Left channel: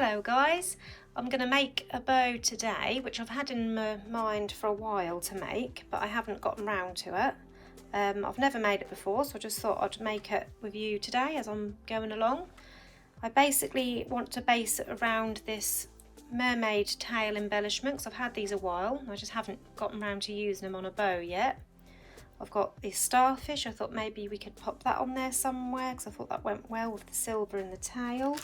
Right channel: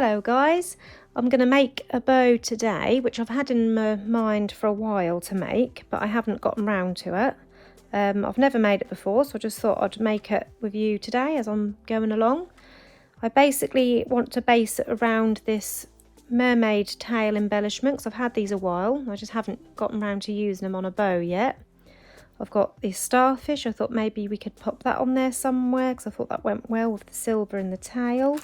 Hello guys, I'm going to make a bow today, which I've had in my mind for a while to make, but I haven't gotten round to it. I've never made it before, so I just thought I'd make it with you today as I'm going along. I basically want to base it around this mermaid tail embellishment, because I've had these a while. I just haven't gotten round to using them on a bow yet. I've got this starfish. I thought maybe we could pop that on there somewhere, because I thought that went well with the silver in the tail.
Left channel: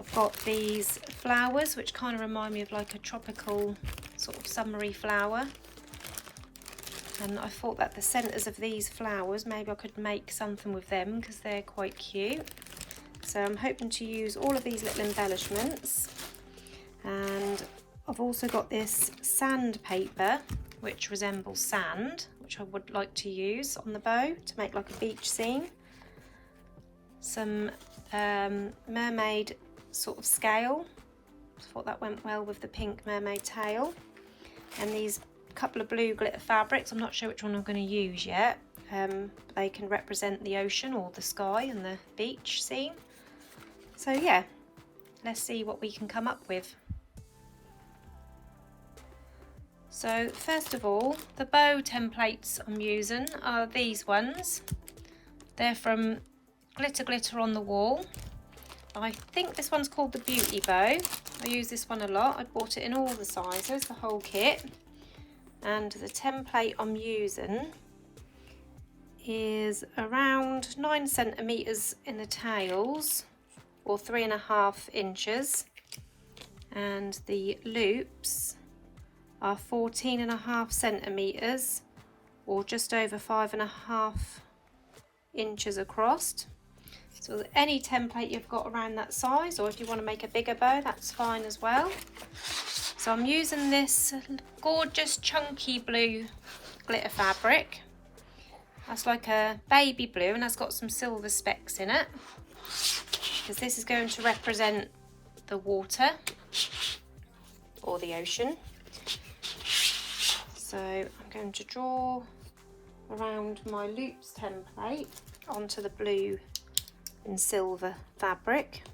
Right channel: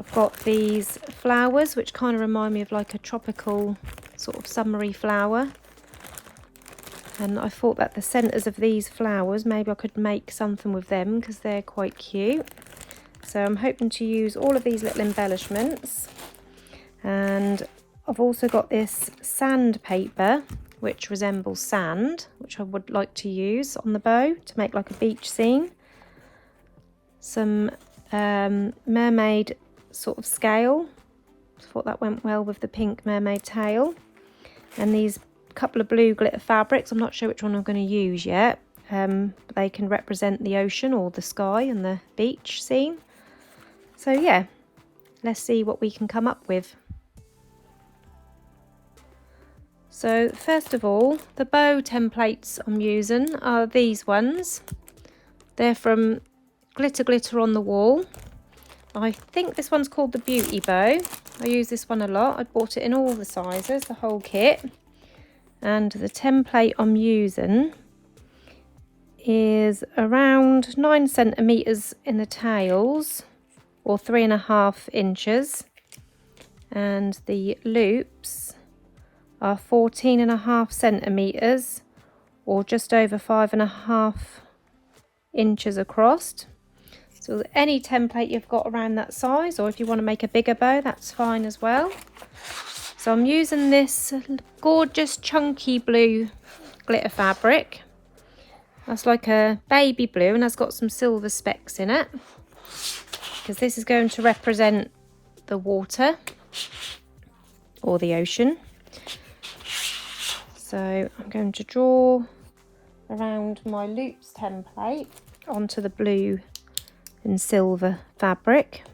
I've got these flowers, which kind of remind me of like a tropical sort of summery flower. And I thought that the centres of these flowers, maybe I could make something with them because they're quite cute. So I'm hoping to use all of these little embellishments. And I've also got this sandpaper, which resembles sand, which I would like to use on the bow to make like a beach scene. Some mermaid sort of scale. I thought that went well with the pink mermaid tail. And these couple of blue glitter fabrics. I'm not sure which one I'm going to use yet. But they can represent the ocean or the sky and the beach scene. So yeah, let's see what we can come up with. So first of all, the bow templates I'm using are these ones. They're from Glitter on the Wall. I think this one's called the Beauty Bow. I use this one a lot. I bought it in all the sizes, the whole kit. And the template I'm using is around 9 centimetres in the tails, or 3.5 inches. And the loops are 14.5 centimetres, or just over 5.5 inches across. So any template you've got around that size, or if you want to make a bigger bow, that's fine as well. So I'm using this gorgeous chunky blue glitter fabric. That's like a baby blue and has got some silver specks in it, because this is going to represent the water or the ocean. So I'm going to draw around my loops template onto the blue and silver fabric.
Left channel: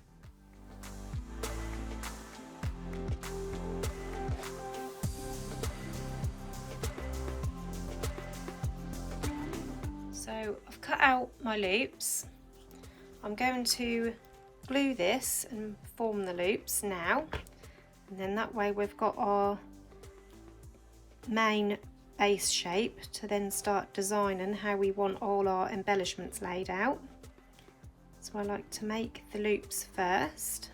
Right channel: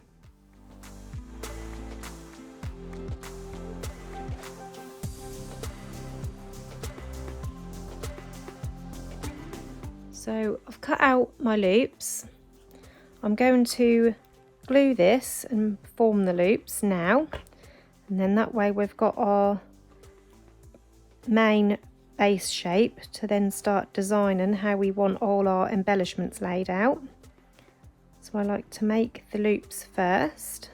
So I've cut out my loops. I'm going to glue this and form the loops now, and then that way we've got our main base shape to then start designing how we want all our embellishments laid out. So I like to make the loops first.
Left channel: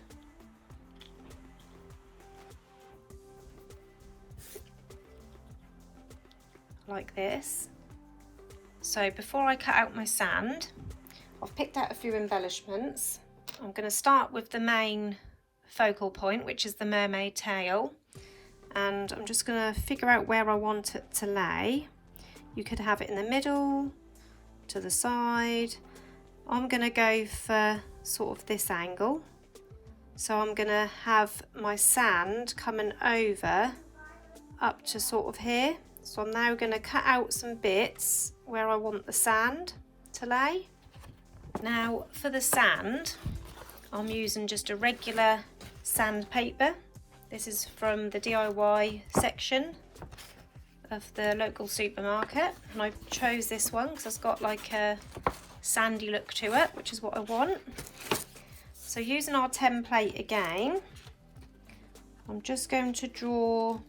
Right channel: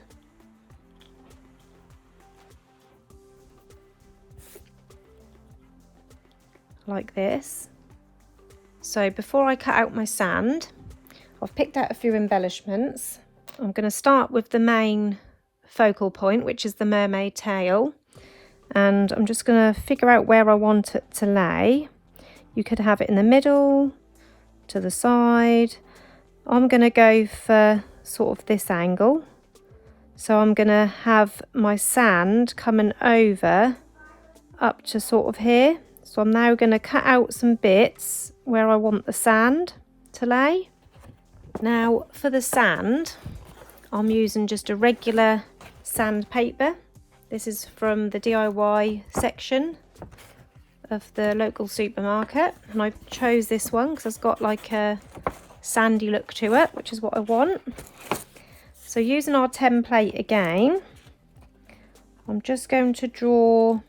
Like this. So before I cut out my sand, I've picked out a few embellishments. I'm going to start with the main focal point, which is the mermaid tail. And I'm just going to figure out where I want it to lay. You could have it in the middle, to the side. I'm going to go for sort of this angle. So I'm going to have my sand coming over up to sort of here. So I'm now going to cut out some bits where I want the sand to lay. Now for the sand, I'm using just a regular sandpaper. This is from the DIY section of the local supermarket, and I chose this one because it's got like a sandy look to it, which is what I want. So using our template again, I'm just going to draw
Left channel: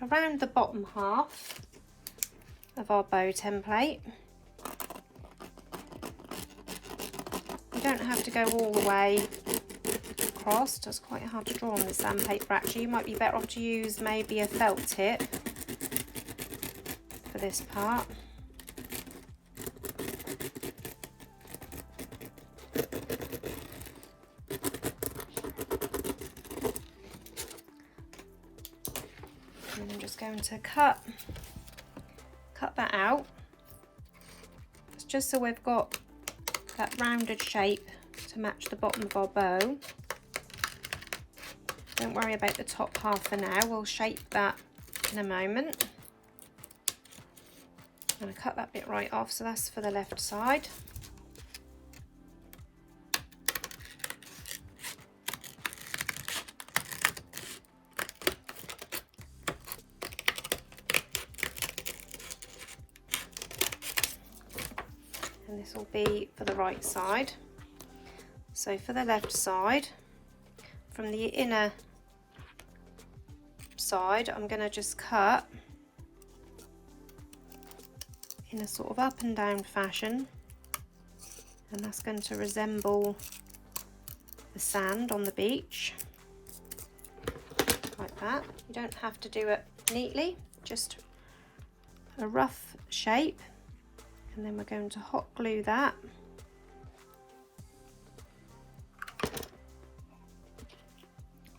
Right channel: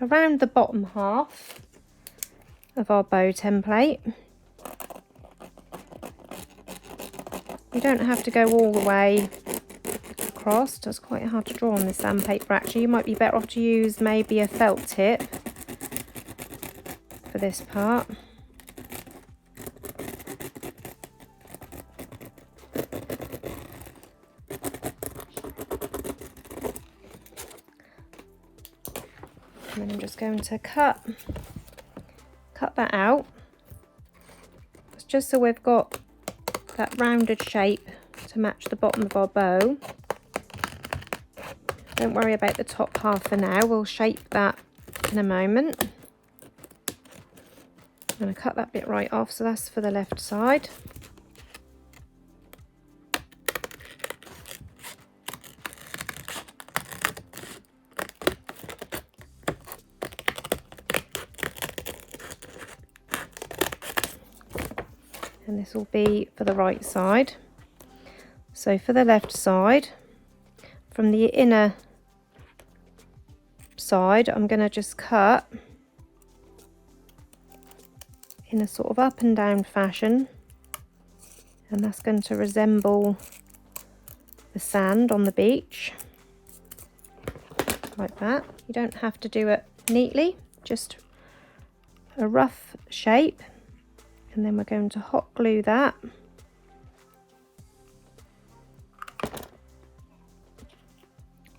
around the bottom half of our bow template. You don't have to go all the way across. It's quite hard to draw on this sandpaper actually. You might be better off to use maybe a felt tip for this part. And then I'm just going to cut that out. It's just so we've got that rounded shape to match the bottom of our bow. Don't worry about the top half for now, we'll shape that in a moment. I'm going to cut that bit right off, so that's for the left side. this will be for the right side. So for the left side, from the inner side, I'm going to just cut in a sort of up and down fashion, and that's going to resemble the sand on the beach, like that. You don't have to do it neatly, just a rough shape, and then we're going to hot glue that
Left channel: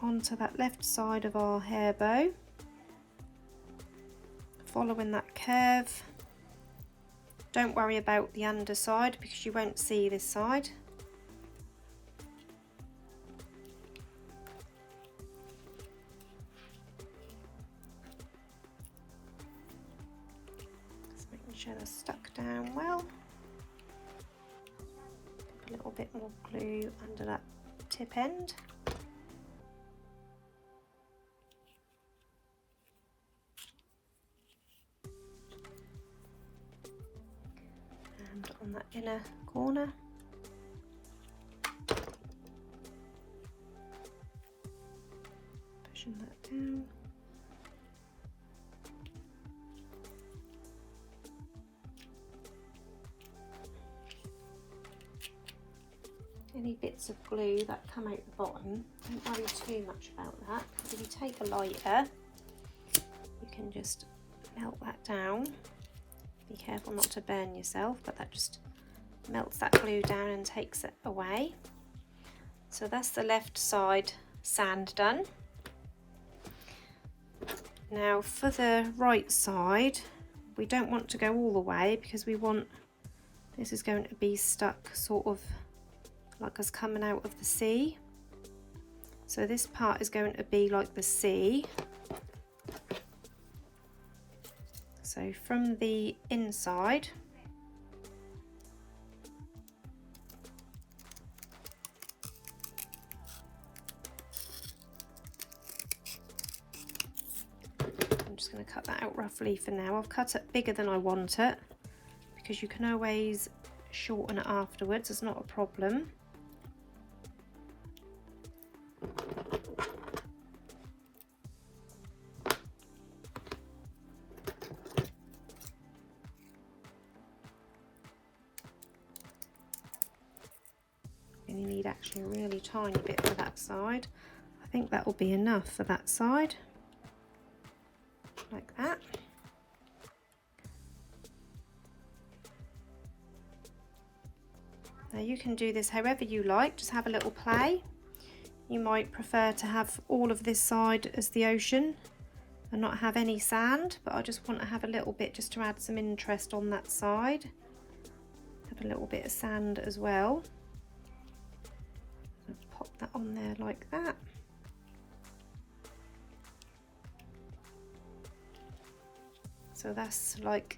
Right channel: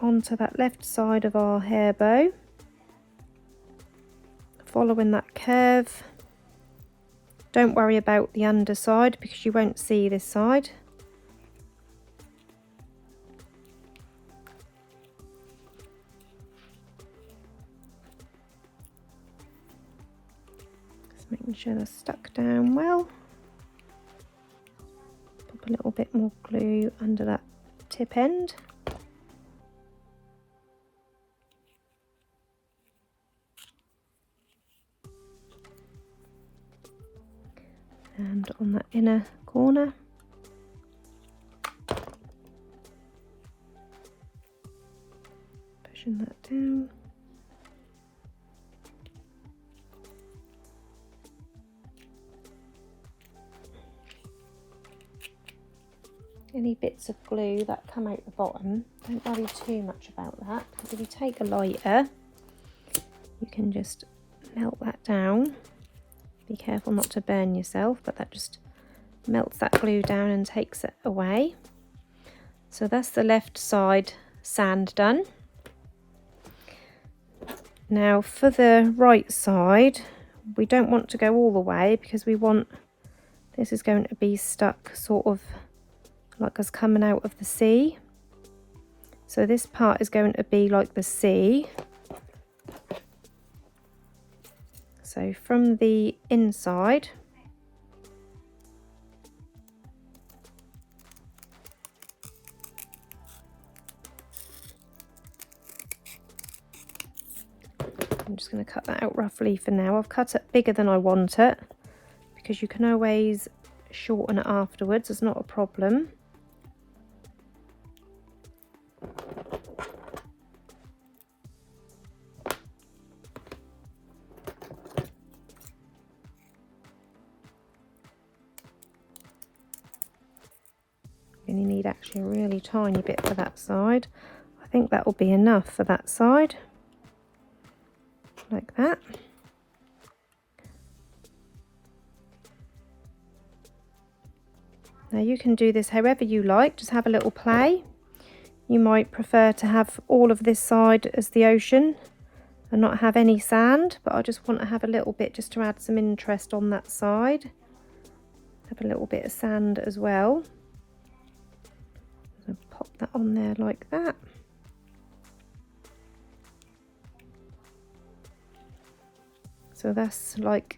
onto that left side of our hair bow, following that curve. Don't worry about the underside because you won't see this side. Just making sure they're stuck down well. Pop a little bit more glue under that tip end. And on that inner corner, pushing that down. Any bits of glue that come out the bottom, don't worry too much about that, because if you take a lighter, you can just melt that down. Be careful not to burn yourself, but that just melts that glue down and takes it away. So that's the left side sand done. Now for the right side, we don't want to go all the way because we want, this is going to be stuck sort of like us coming out of the sea. So this part is going to be like the sea. So from the inside, I'm just going to cut that out roughly for now. I've cut it bigger than I want it because you can always shorten it afterwards, it's not a problem. And you need actually a really tiny bit for that side. I think that will be enough for that side, like that. Now you can do this however you like, just have a little play. You might prefer to have all of this side as the ocean and not have any sand, but I just want to have a little bit just to add some interest on that side. Have a little bit of sand as well. Pop that on there like that. So that's like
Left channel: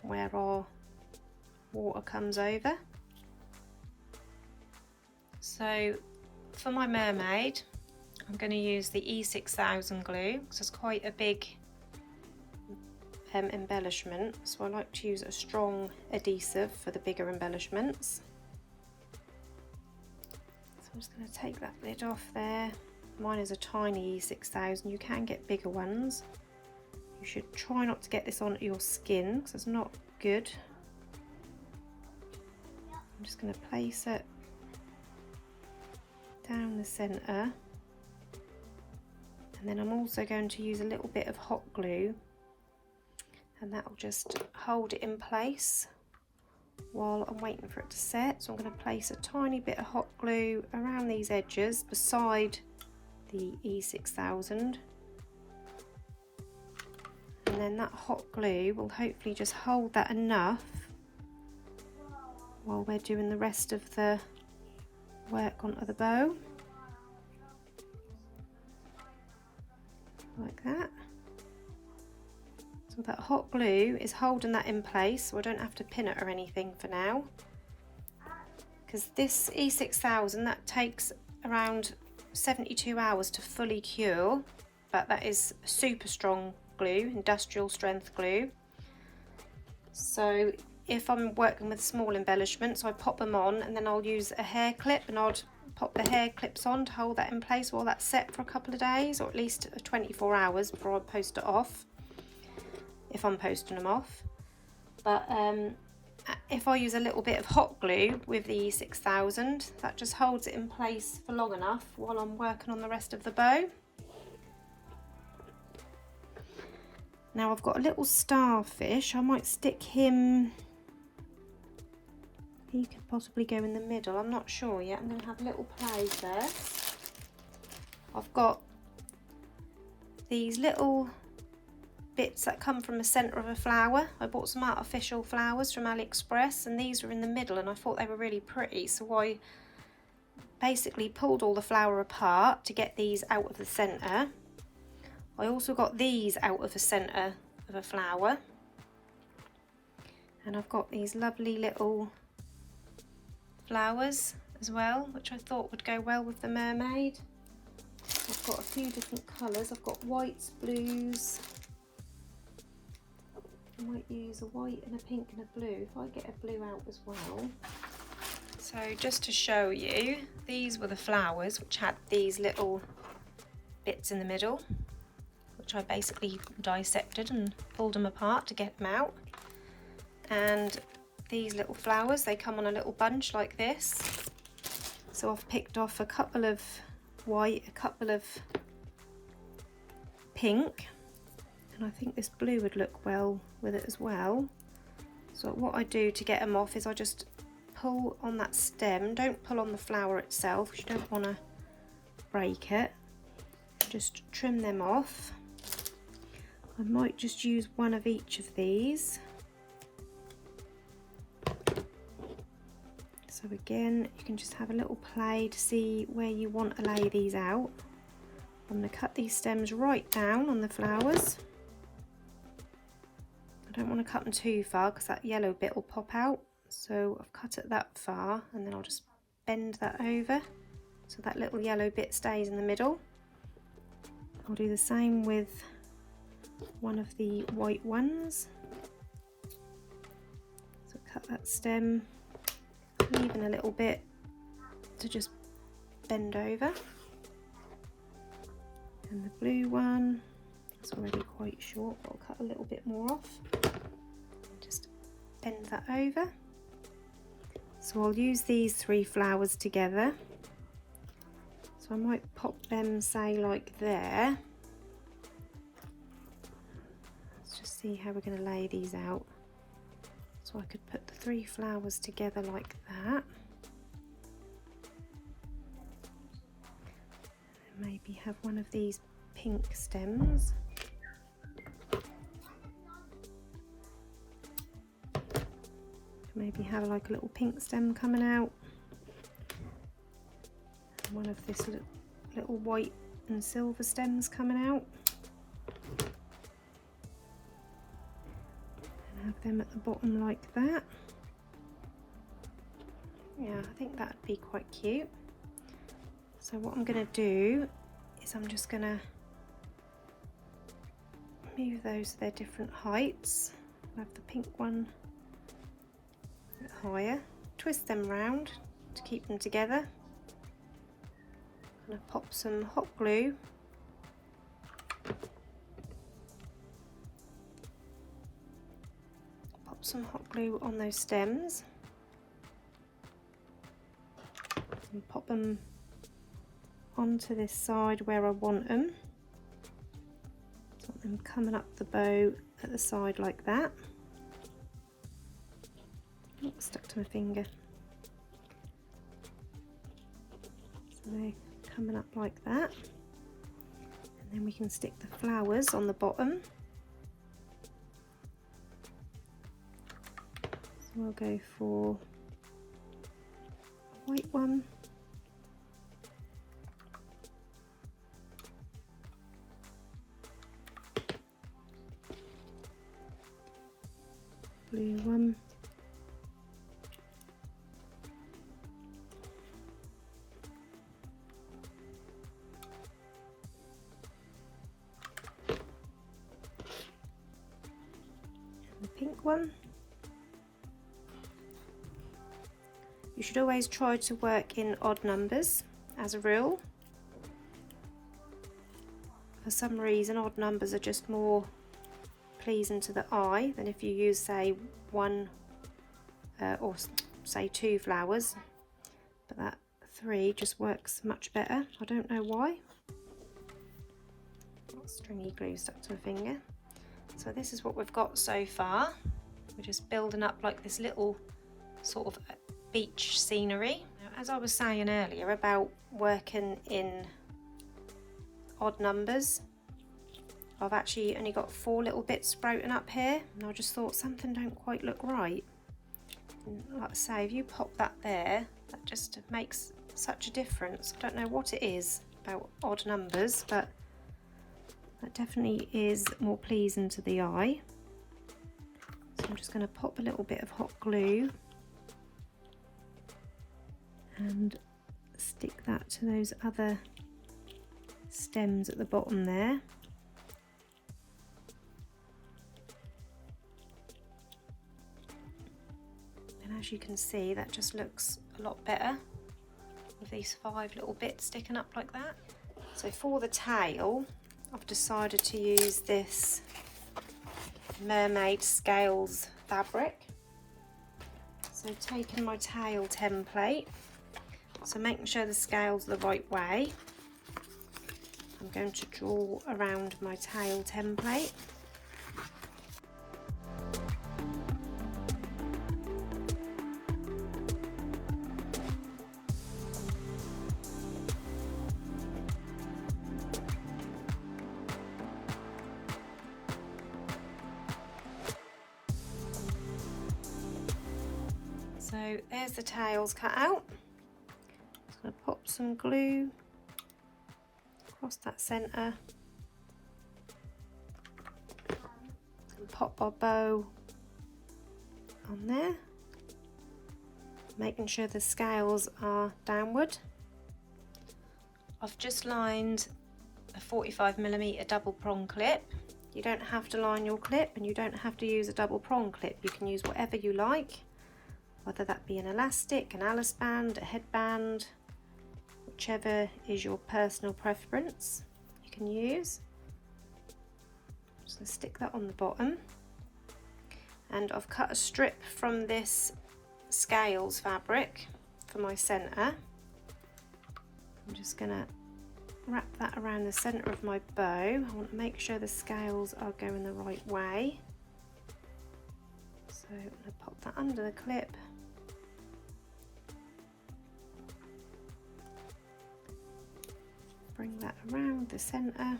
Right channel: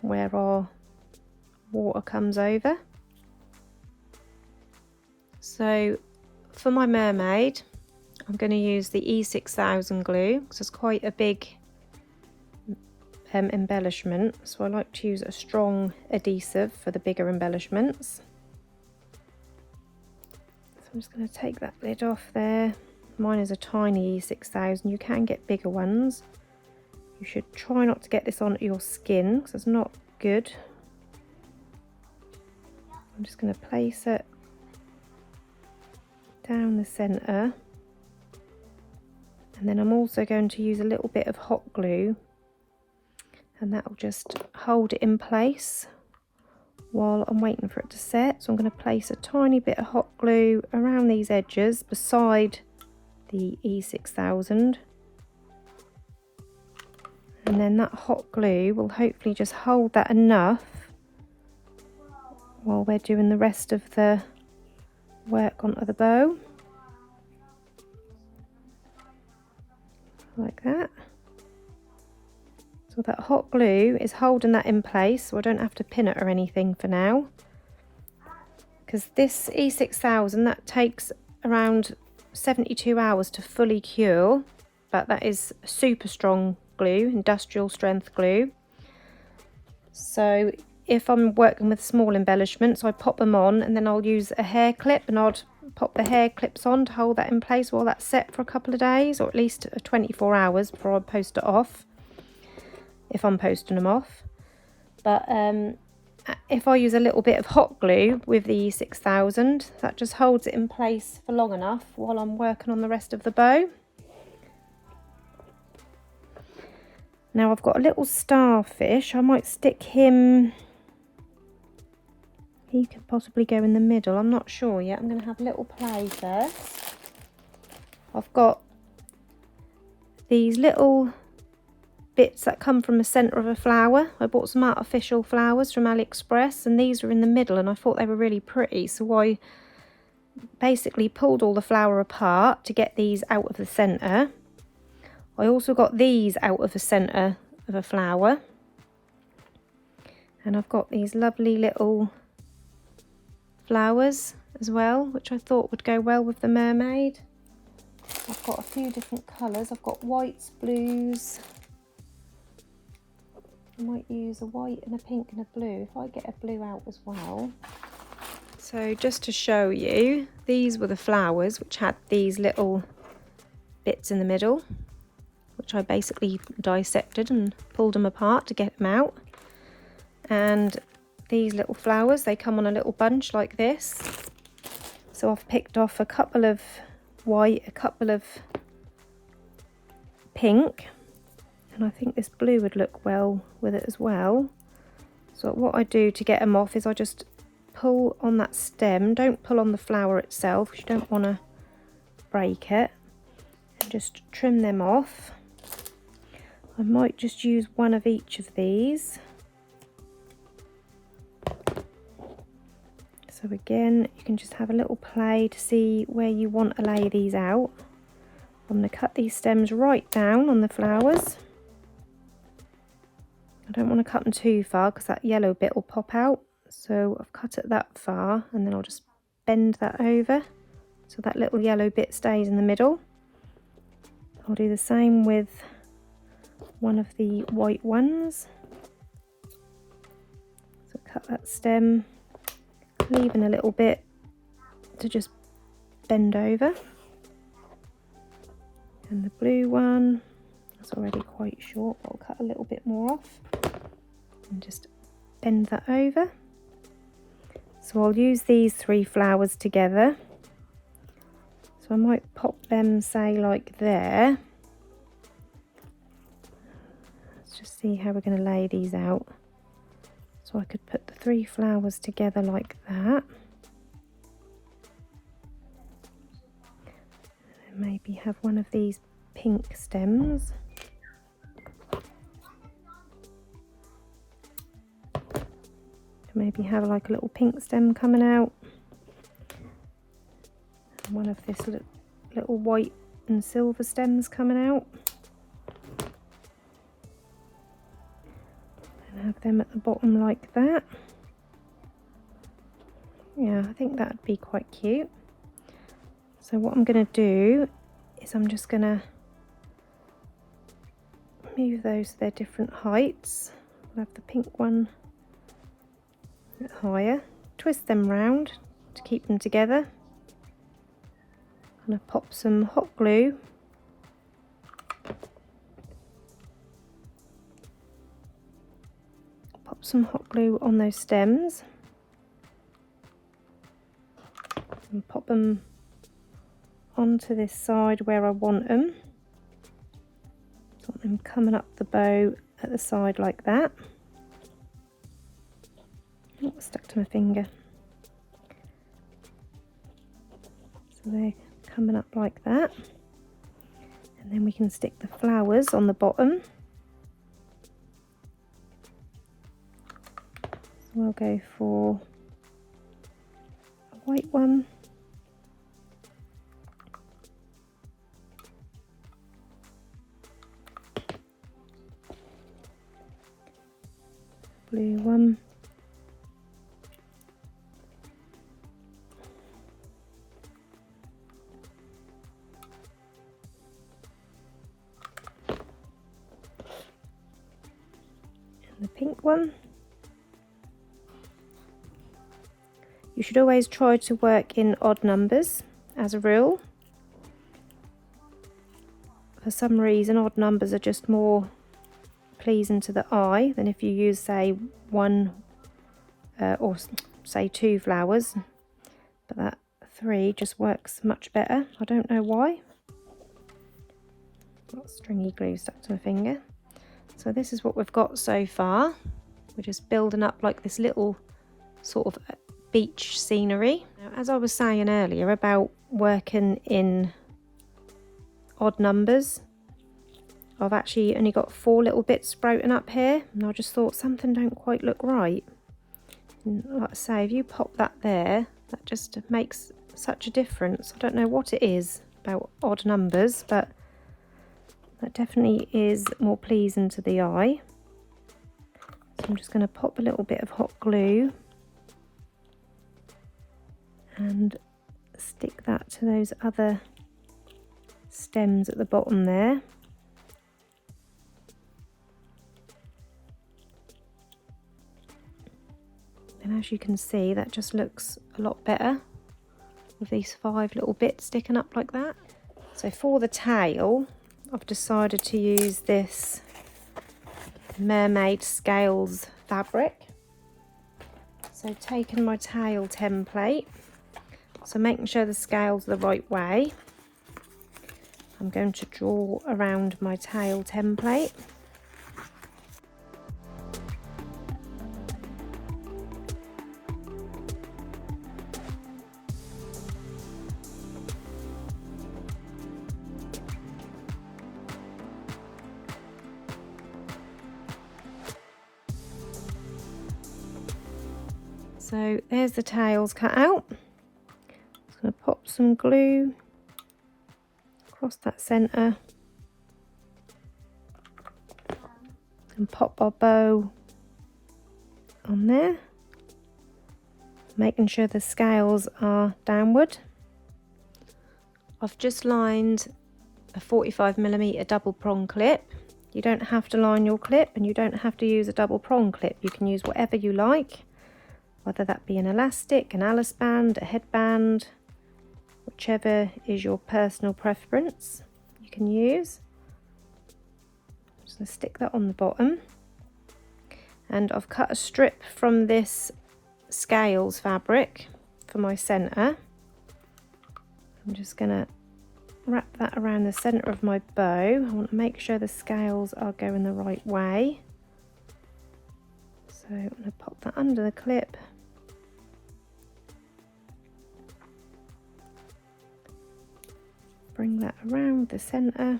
where our water comes over. So for my mermaid, I'm going to use the E6000 glue because it's quite a big embellishment, so I like to use a strong adhesive for the bigger embellishments. So I'm just going to take that lid off there. Mine is a tiny E6000, you can get bigger ones. You should try not to get this onto your skin because it's not good. I'm just going to place it down the centre, and then I'm also going to use a little bit of hot glue, and that will just hold it in place while I'm waiting for it to set. So I'm going to place a tiny bit of hot glue around these edges beside the E6000, and then that hot glue will hopefully just hold that enough while we're doing the rest of the work onto the bow, like that. So that hot glue is holding that in place, so I don't have to pin it or anything for now, because this E6000, that takes around 72 hours to fully cure, but that is super strong glue, industrial strength glue. So if I'm working with small embellishments, I pop them on and then I'll use a hair clip, and I'd pop the hair clips on to hold that in place while that's set for a couple of days, or at least 24 hours before I post it off, if I'm posting them off. But if I use a little bit of hot glue with the 6000, that just holds it in place for long enough while I'm working on the rest of the bow. Now I've got a little starfish. I might stick him, he could possibly go in the middle, I'm not sure yet. I'm going to have a little play first. I've got these little bits that come from the centre of a flower. I bought some artificial flowers from AliExpress, and these are in the middle, and I thought they were really pretty, so I basically pulled all the flower apart to get these out of the centre. I also got these out of the centre of a flower, and I've got these lovely little flowers as well, which I thought would go well with the mermaid. I've got a few different colours. I've got whites, blues. I might use a white and a pink and a blue if I get a blue out as well. So just to show you, these were the flowers which had these little bits in the middle, which I basically dissected and pulled them apart to get them out. And these little flowers, they come on a little bunch like this. So I've picked off a couple of white, a couple of pink, and I think this blue would look well with it as well. So what I do to get them off is I just pull on that stem. Don't pull on the flower itself, because you don't want to break it. Just trim them off. I might just use one of each of these. So again, you can just have a little play to see where you want to lay these out. I'm going to cut these stems right down on the flowers. I don't want to cut them too far because that yellow bit will pop out. So I've cut it that far, and then I'll just bend that over so that little yellow bit stays in the middle. I'll do the same with one of the white ones. So cut that stem, leaving a little bit to just bend over. And the blue one, it's already quite short, but I'll cut a little bit more off and just bend that over. So I'll use these three flowers together. So I might pop them, say, like there. Let's just see how we're going to lay these out. So I could put the three flowers together like that. And maybe have one of these pink stems. Maybe have like a little pink stem coming out. And one of this little white and silver stems coming out. And have them at the bottom like that. Yeah, I think that'd be quite cute. So what I'm going to do is I'm just going to move those to their different heights. I'll have the pink one a bit higher, twist them round to keep them together. I'm going to pop some hot glue on those stems and pop them onto this side where I want them. So I want them coming up the bow at the side like that. Oh, stuck to my finger. So they're coming up like that. And then we can stick the flowers on the bottom. So I'll go for a white one. Blue one. And the pink one. You should always try to work in odd numbers as a rule. For some reason, odd numbers are just more pleasing to the eye than if you use, say, one or say 2 flowers, but that 3 just works much better. I don't know why. Got stringy glue stuck to my finger. So this is what we've got so far. We're just building up like this little sort of beach scenery. Now, as I was saying earlier about working in odd numbers, I've actually only got 4 little bits sprouting up here, and I just thought something don't quite look right. And like I say, if you pop that there, that just makes such a difference. I don't know what it is about odd numbers, but that definitely is more pleasing to the eye. So I'm just going to pop a little bit of hot glue and stick that to those other stems at the bottom there. And as you can see, that just looks a lot better with these 5 little bits sticking up like that. So for the tail, I've decided to use this Mermaid scales fabric. So taking my tail template, so making sure the scales are the right way, I'm going to draw around my tail template. So there's the tails cut out. Just going to pop some glue across that centre and pop our bow on there, making sure the scales are downward. I've just lined a 45mm double prong clip. You don't have to line your clip, and you don't have to use a double prong clip. You can use whatever you like, whether that be an elastic, an Alice band, a headband, whichever is your personal preference you can use. So stick that on the bottom, and I've cut a strip from this scales fabric for my centre. I'm just going to wrap that around the centre of my bow. I want to make sure the scales are going the right way. So I'm going to pop that under the clip. Bring that around the centre.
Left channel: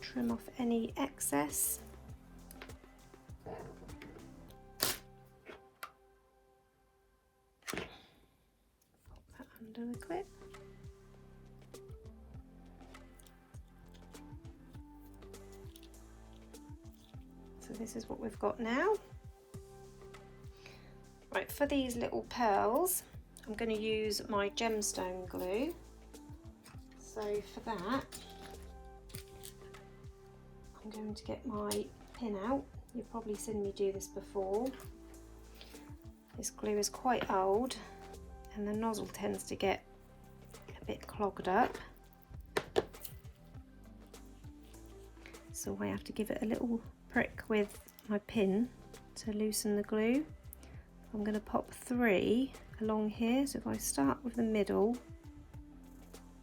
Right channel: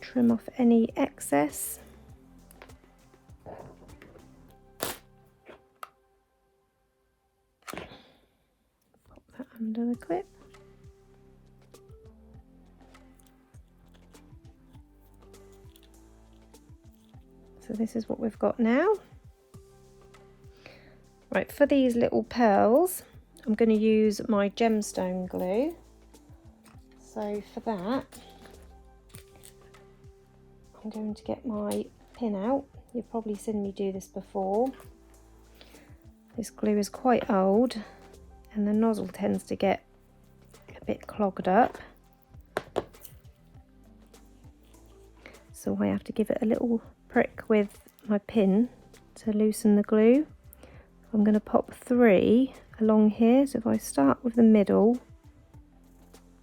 Trim off any excess. Pop that under the clip. So this is what we've got now. Right, for these little pearls, I'm going to use my gemstone glue. So for that, I'm going to get my pin out. You've probably seen me do this before. This glue is quite old and the nozzle tends to get a bit clogged up. So I have to give it a little prick with my pin to loosen the glue. I'm going to pop 3 along here. So if I start with the middle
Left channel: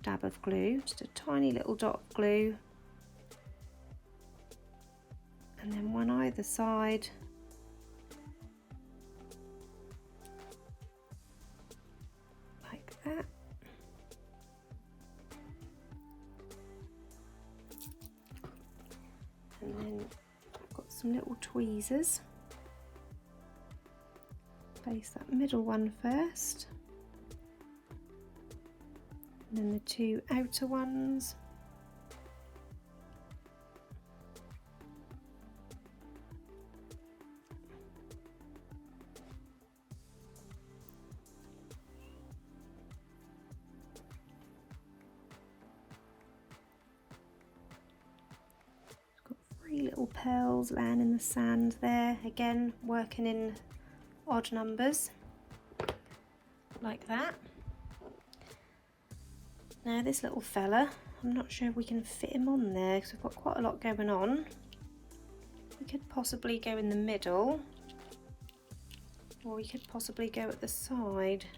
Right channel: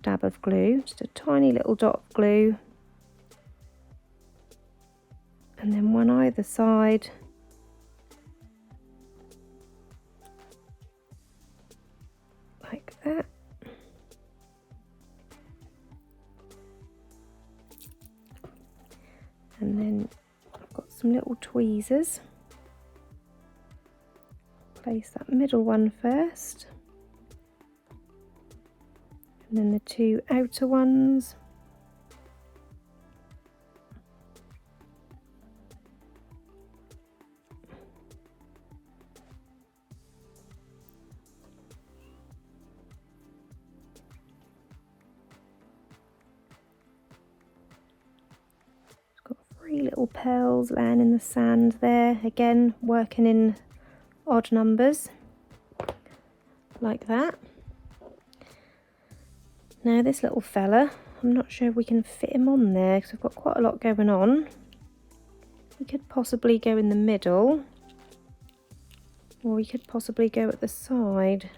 dab of glue, just a tiny little dot of glue, and then one either side, like that. And then I've got some little tweezers. Place that middle one first, and then the 2 outer ones. Got 3 little pearls laying in the sand there, again working in odd numbers like that. Now this little fella, I'm not sure if we can fit him on there because we've got quite a lot going on. We could possibly go in the middle, or we could possibly go at the side.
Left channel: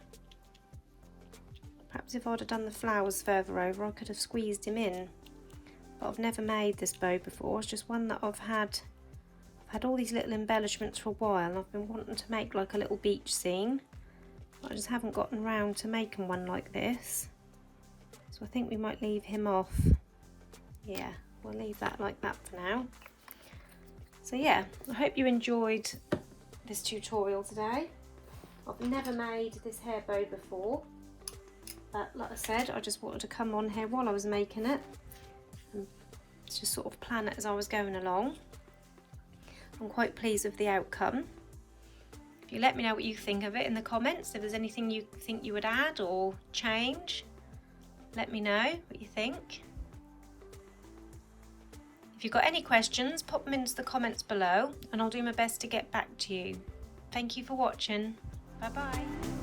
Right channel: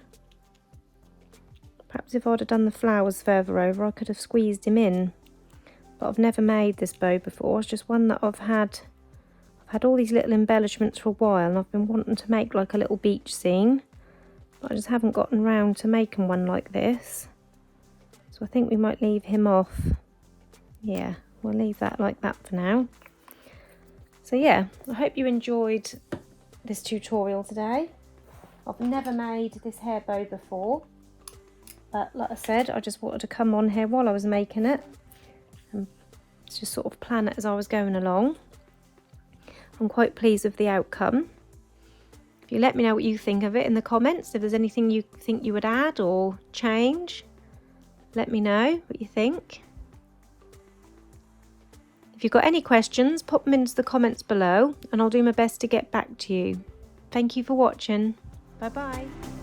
Perhaps if I'd have done the flowers further over I could have squeezed him in. But I've never made this bow before. It's just one that I've had all these little embellishments for a while, and I've been wanting to make like a little beach scene, but I just haven't gotten round to making one like this. So I think we might leave him off. Yeah, we'll leave that like that for now. So yeah, I hope you enjoyed this tutorial today. I've never made this hair bow before, but like I said, I just wanted to come on here while I was making it and just sort of plan it as I was going along. I'm quite pleased with the outcome. If you let me know what you think of it in the comments, if there's anything you think you would add or change, let me know what you think. If you've got any questions, pop them into the comments below and I'll do my best to get back to you. Thank you for watching. Bye bye.